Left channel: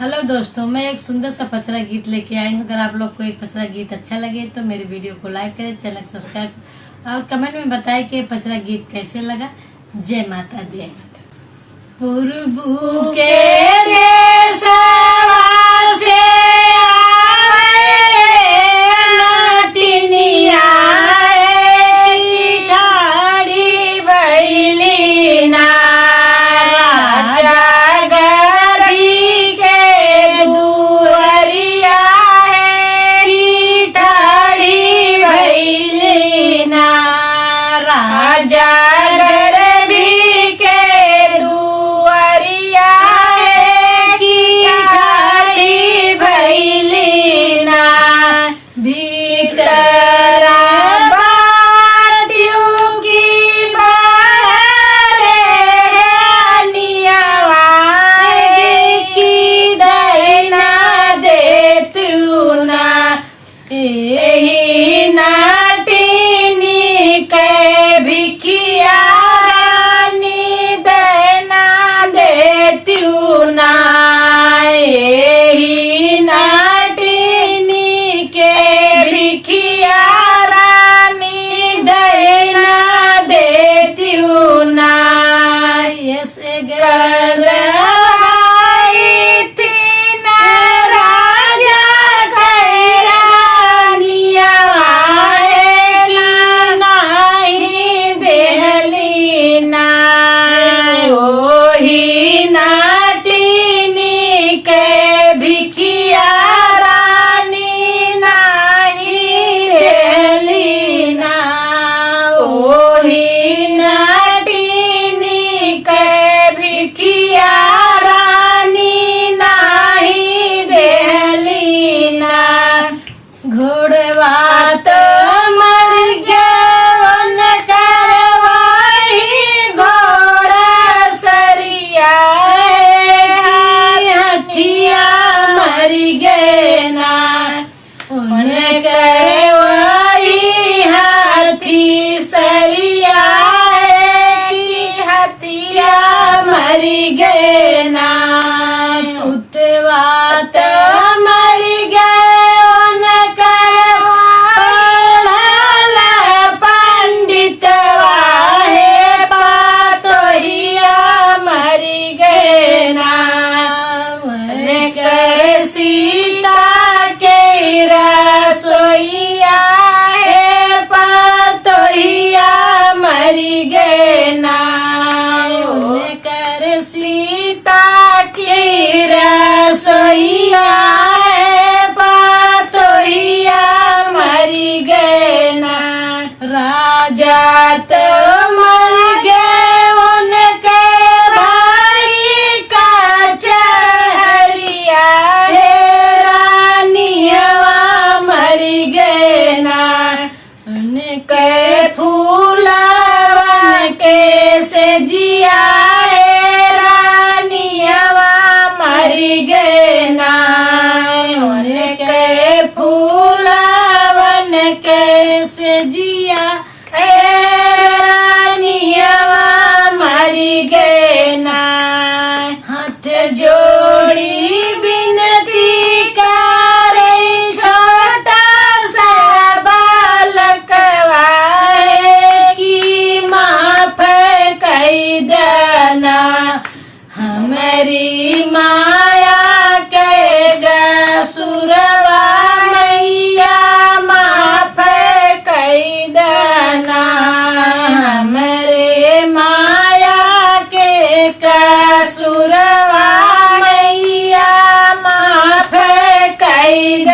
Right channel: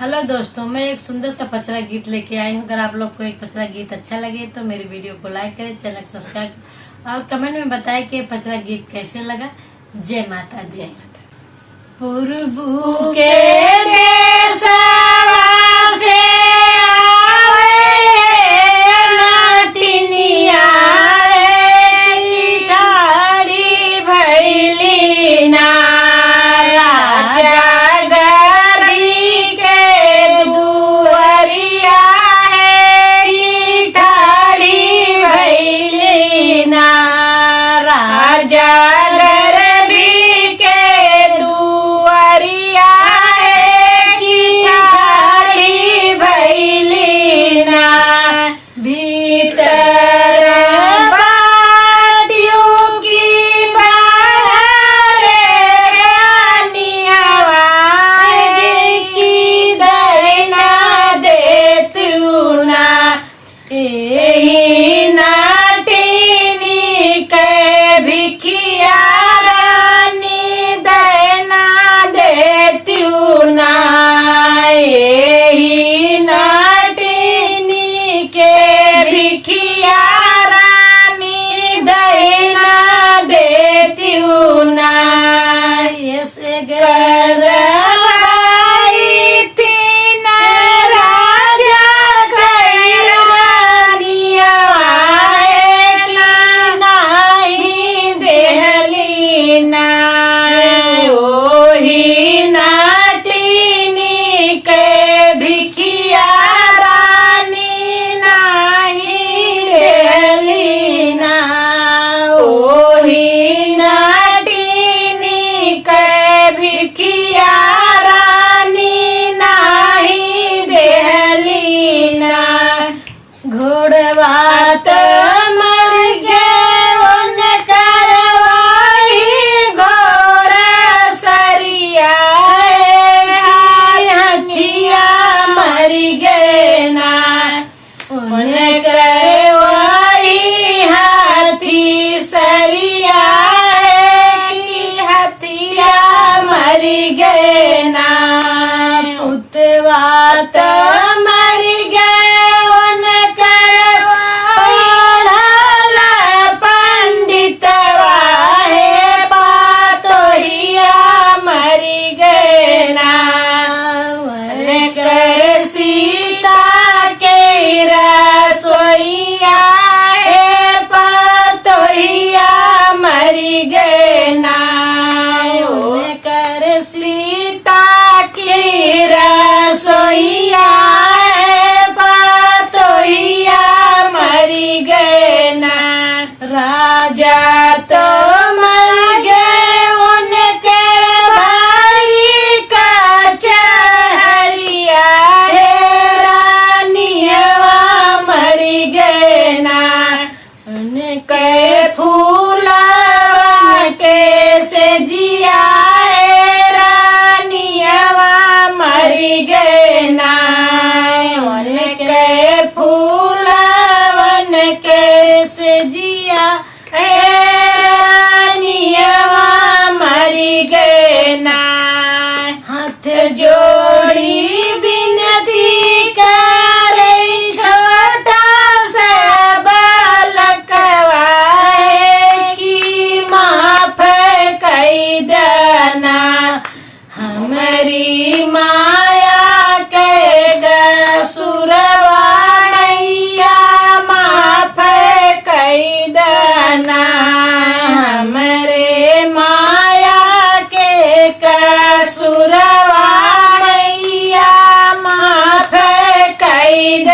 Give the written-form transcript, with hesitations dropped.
Hello दोस्तों, मैं एक सुंदर सा पचरा गीत लेके आई हूँ। अगर आप लोग को एक पचरा गीत अच्छा लगे तो मेरी वीडियो को लाइक करें, चैनल को सब्सक्राइब और कमेंट में बताएं कि पचरा गीत कैसे लगा। जय माता दी। पुरबू के देशवा से आवे नाटिनिया ठाड़ी भैली ना राजा गरी के दुअरिया है ठाड़ी भैली ना राजा मरी गए ना उतवा तो मरी गए उनकर पढ़ला पंडितवा है पातोहिया मरी गए ना कर सीता के रसोईया है पातोहिया मरी गए ना सीता की रसोईया पातोहिया मरी गए ना राजा तो मर गए उनके भाई का चहरिया है रानियवा मरी गए ना उनके फूला के से जिया मरी गए ना उनके फूलावन के से जिया रानियवा मरी गए ना हाथ जोड़ी बिनती करे छोटा सा बालकवा की माफ कई देना हमारी माया के सुरवा मैया माफ कई देना हमरे माया के कसुरवा मैया माफ कई